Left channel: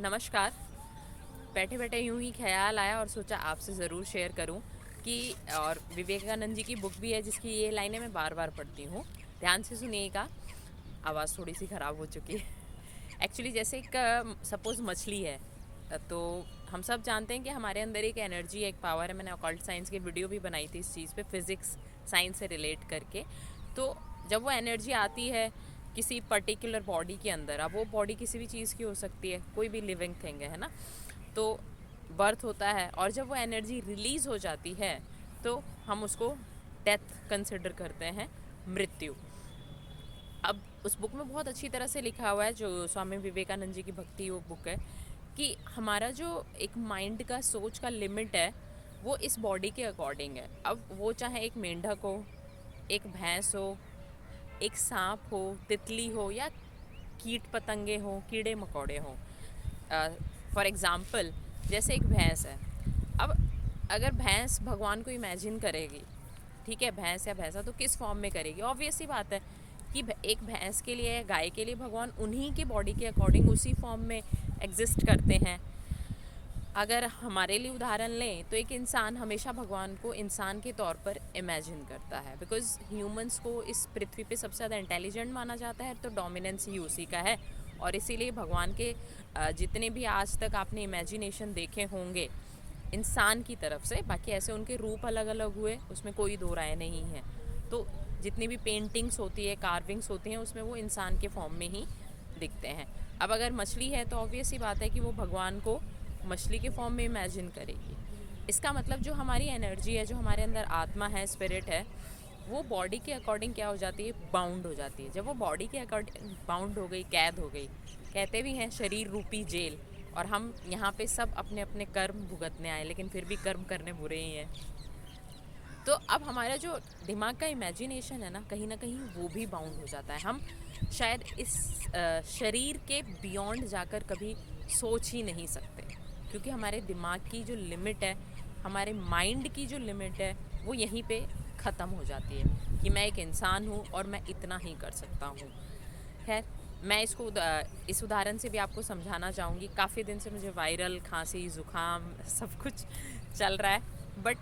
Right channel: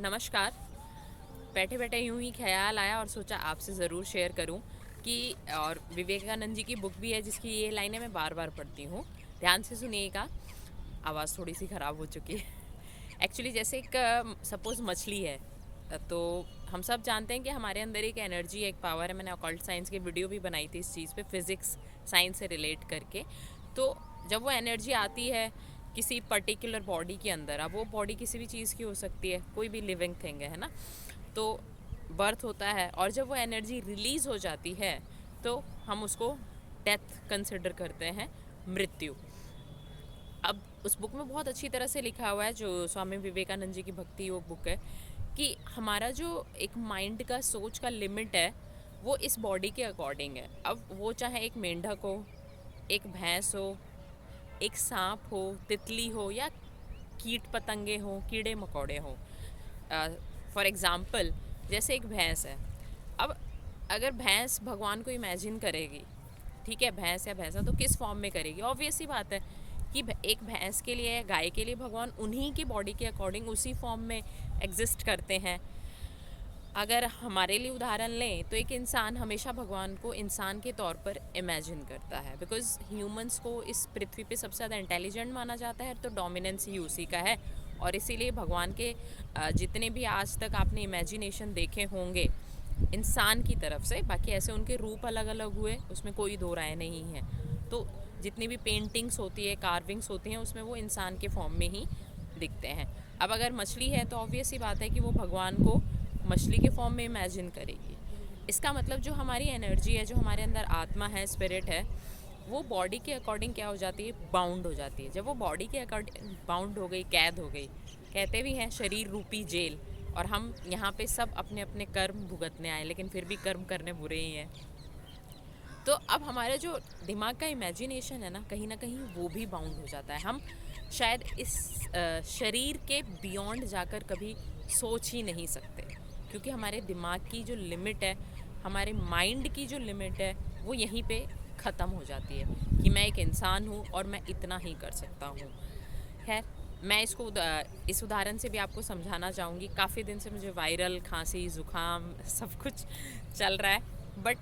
नमस्कार। बैठे बैठे यूं ही ख्याल आया और सोचा आपसे ज़रूर शेयर करूं कि और विवेकानंद जी की बुक भी है जिसकी ये लाइनें मैं बार बार पढ़ती हूँ। ध्यान से सुनिएगा। आवाज़ थोड़ी सी ख़राब हो चुकी है। एक्चुअली जैसे एक सपोज़ मछली है। तो हम सब जानते हैं कि हमारे अंदर एक एनर्जी एक पावर है। मैंने ऑकल्ट साइंस की वीडियो भी बनाई थी इस चीज़ पे, फिज़िक्स साइंस से रिलेट करके। तो जब वो एनर्जी आती है किसी पर्टिकुलर बॉडी के अंदर, अब वो बॉडी किसी भी चीज़ की हो सकती है, कोई भी लिविंग थिंग है ना, तो बर्थ होता है और जब वो एनर्जी रिलीज़ हो जाती है तो हम उसको डेथ कंसिडर करते हैं, मृत्यु। अब उस बुक में बहुत अच्छी तरह से लिखा हुआ है, जो स्वामी विवेकानंद जी की भक्ति योग बुक है, कि हमारा जो एक माइंड का सोच का लिमिट है वो इस बॉडी के अकॉर्डिंग है। अब वो चाहे एक मेंढक हो, एक भैंस हो, एक सांप हो, तितली हो, या कीट पतंगे हों, कीड़े मकोड़े हों। फॉर एग्ज़ाम्पल जैसे एक भैंस है। अब अगर भैंस भगवान को इमेजिन करेगी, ठीक है, भैंस या भैंसा, तो किस फॉर्म में करेगी? ऑब्वियस सी बात है कि एक भैंस के लिए या गाय के लिए भगवान उन्हीं की बॉडी के अकॉर्डिंग उसी फॉर्म में एग्जिस्ट करते हैं। अगर हमारे लिए उदाहरण लें तो एक इंसान हमेशा भगवान को इंसान के तौर पर इमेजिन करता है, बिकॉज़ ह्यूमंस को इस पृथ्वी पे सबसे ज़्यादा इंटेलिजेंट माना जाता है, तो डोमिनेंस ही उसी का है। और इसीलिए भगवान के जितने भी आज तक आपने इमेजिनेशन देखे होंगे इंसान की तरफ से, बाकी ऐसे उनके रूप अलग अलग हुए, उसमें कोई दो राय नहीं है। तो जितनी भी पेंटिंग्स होती है, कार्विंग्स होती हैं, उसमें वो इंसान के फॉर्म में ही दिखते हैं। अब अगर मछली है तो ऑब्वियस ही बात है कि वो भगवान को मछली के फॉर्म में इमेजिन करेगी। इसका मतलब जो हमारी एनर्जी है, जो हमारे अंदर आत्मा है, स्पिरिट है, वो बॉडी के अकॉर्डिंग क्या हो जाती है? बाउंड हो जाती है। जब वो बॉडी के अकॉर्डिंग बाउंड हो गई, कैद हो गई, कहते भी हैं शरीर रूपी जेल, और हम यहाँ पे सब अपने अपने कर्म भुगतने आए, लेकिन फिर भी कर्म करने बुरे ही हैं। तो अब हमारा जो दिमाग का इमेजिनेशन है ना कहीं वो भी बाउंड हो जाता है। हम शायद इस शरीर के बियॉन्ड जाकर कभी सोच ही नहीं सकते, क्योंकि हमारे दिमाग की जो लिमिट है, हमारे माइंड की जो लिमिट है, वो यहीं पे ख़त्म हो जाती है कि मैं एक इंसान हूँ और मैं इतना ही कर सकता हूँ। खैर, मैं इस उदाहरण से भी आपको समझाना चाहूँगी। काफ़ी दिन से मुझे वायरल खांसी ज़ुकाम सब कुछ चल रहा है, बट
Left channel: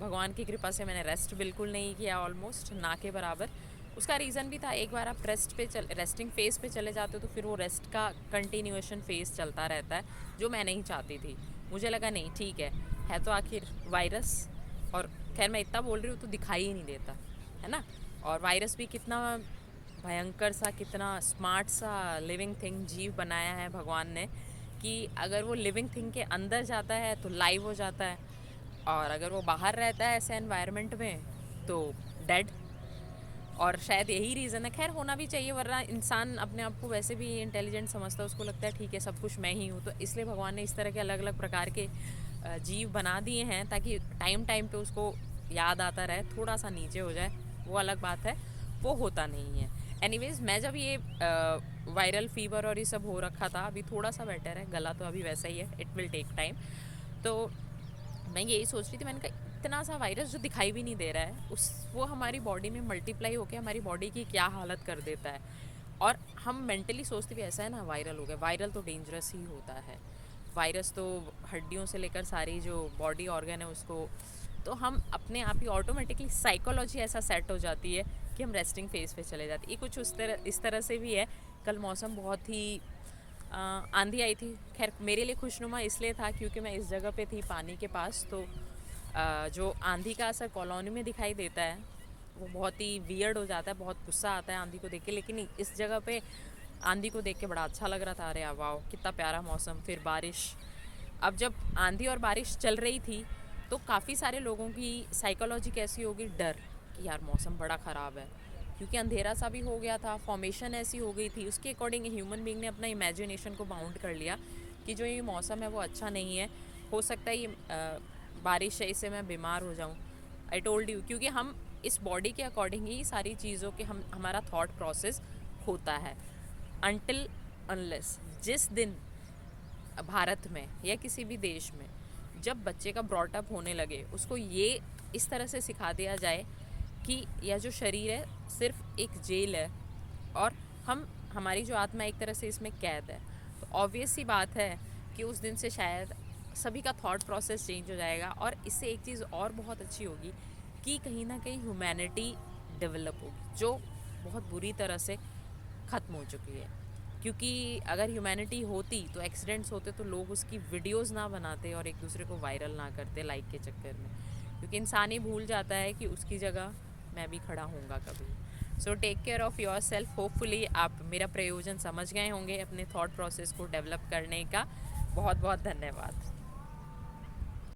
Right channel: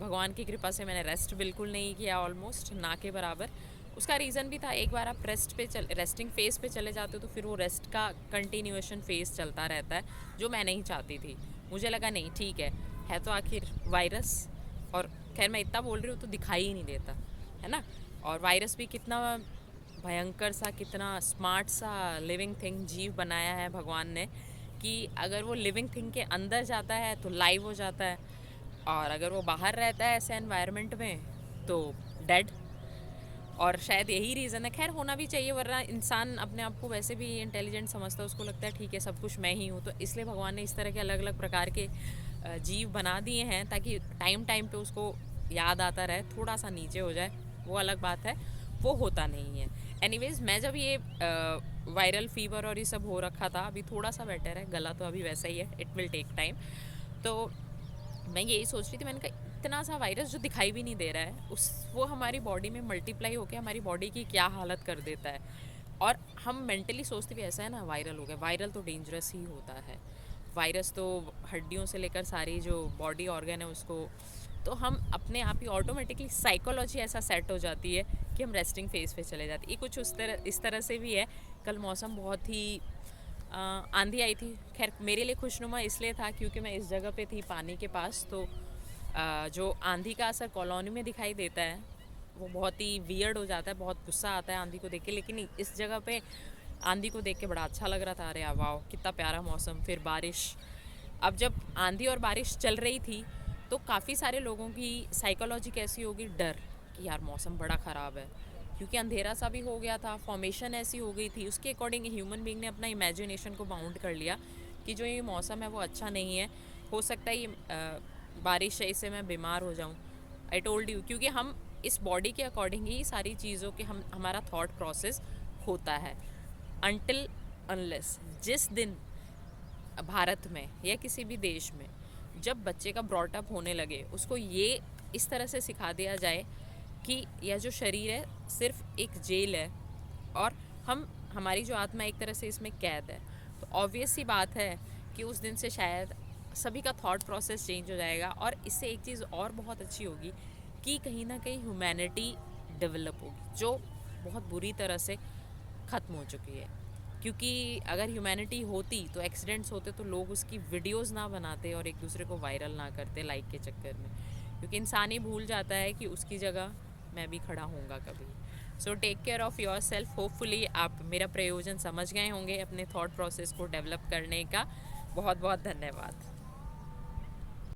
भगवान की कृपा से मैंने रेस्ट बिल्कुल नहीं किया, ऑलमोस्ट ना के बराबर। उसका रीज़न भी था, एक बार आप रेस्टिंग फेज़ पे चले जाते हो तो फिर वो रेस्ट का कंटिन्यूएशन फेज़ चलता रहता है, जो मैं नहीं चाहती थी। मुझे लगा नहीं ठीक है तो आखिर वायरस, और खैर मैं इतना बोल रही हूँ तो दिखाई ही नहीं देता, है ना। और वायरस भी कितना भयंकर सा, कितना स्मार्ट सा लिविंग थिंग, जीव बनाया है भगवान ने, कि अगर वो लिविंग थिंग के अंदर जाता है तो लाइव हो जाता है, और अगर वो बाहर रहता है ऐसे एनवायरनमेंट में तो डेड। और शायद यही रीज़न है, खैर होना भी चाहिए, वरना इंसान अपने आप को वैसे भी इंटेलिजेंट समझता है, उसको लगता है ठीक है सब कुछ मैं ही हूँ। तो इसलिए भगवान ने इस तरह के अलग अलग प्रकार के जीव बना दिए हैं, ताकि टाइम टाइम पे उसको याद आता रहे, थोड़ा सा नीचे हो जाए वो अलग बात है, वो होता नहीं है। एनीवेज, मैं जब ये वायरल फीवर और ये सब हो रखा था, अभी थोड़ा सा बेटर है, गला तो अभी वैसा ही है, इट विल टेक टाइम। तो मैं यही सोच रही थी, मैंने कहा इतना सा वायरस जो दिखाई भी नहीं दे रहा है, उस वो हमारी बॉडी में मल्टीप्लाई होकर हमारी बॉडी की क्या हालत कर देता है। और हम मेंटली सोचते भी ऐसा है ना, वायरल हो गया, वायरल तो डेंजरस ही होता है। वायरस तो हड्डियों से लेकर सारी जो बॉडी ऑर्गन है उसको, तो हम अपने आप ही ऑटोमेटिकली साइकोलॉजी ऐसा सेट हो जाती है कि हम रेस्टिंग फेज पे चले जाते हैं। ये कुछ इस तरह से भी है। कल मौसम बहुत ही आंधी आई थी। खैर मेरे लिए खुशनुमा इसलिए था क्योंकि मैं इस जगह पे थी पानी के पास, तो जो आंधी का असर कॉलोनी में दिखाई देता है वो बहुत ही वियर्ड हो जाता है, बहुत गुस्सा आता है आंधी को देख के। लेकिन इस जगह पे आंधी को देख के बड़ा अच्छा लग रहा था। अरे वाह कितना प्यारा मौसम, फिर बारिश। अब जब आंधी और बारिश चल रही थी तो काफ़ी सारे लोगों की साइकोलॉजी कैसी होगी, डर, कि यार मौसम बड़ा ख़राब है, क्योंकि अंधेरा सा भी हो गया था, फॉर्मेशन ऐसी हो गई थी, उसके अकॉर्डिंग ह्यूमन बीइंग ने अपना इमेजिनेशन को बाउंड कर लिया कि जो ये मौसम है वो अच्छा नहीं है, हो सकता है ये बारिश है, इससे मैं बीमार हो जाऊँ। आई टोल्ड यू, क्योंकि हम इस बॉडी के अकॉर्डिंग ही सारी चीज़ों के हमारा थॉट प्रोसेस होता है। अनटिल अनलेस जिस दिन भारत में या किसी भी देश में जब बच्चे का ब्रॉटअप होने लगे, उसको ये इस तरह से सिखा दिया जाए कि यह जो शरीर है सिर्फ एक जेल है, और हमारी जो आत्मा एक तरह से इसमें कैद है, तो ऑब्वियस सी बात है कि उस दिन से शायद सभी का थॉट प्रोसेस चेंज हो जाएगा। और इससे एक चीज़ और बहुत अच्छी होगी कि कहीं ना कहीं ह्यूमैनिटी डेवलप होगी, जो बहुत बुरी तरह से ख़त्म हो चुकी है। क्योंकि अगर ह्यूमैनिटी होती तो एक्सीडेंट्स होते तो लोग उसकी वीडियोस ना बनाते और एक दूसरे को वायरल ना करते लाइक के चक्कर में, क्योंकि इंसान ही भूल जाता है कि उसकी जगह मैं भी खड़ा होऊंगा कभी। So take care of yourself. Hopefully आप मेरा प्रयोजन समझ गए होंगे अपने थॉट प्रोसेस को डेवलप करने का। बहुत बहुत धन्यवाद।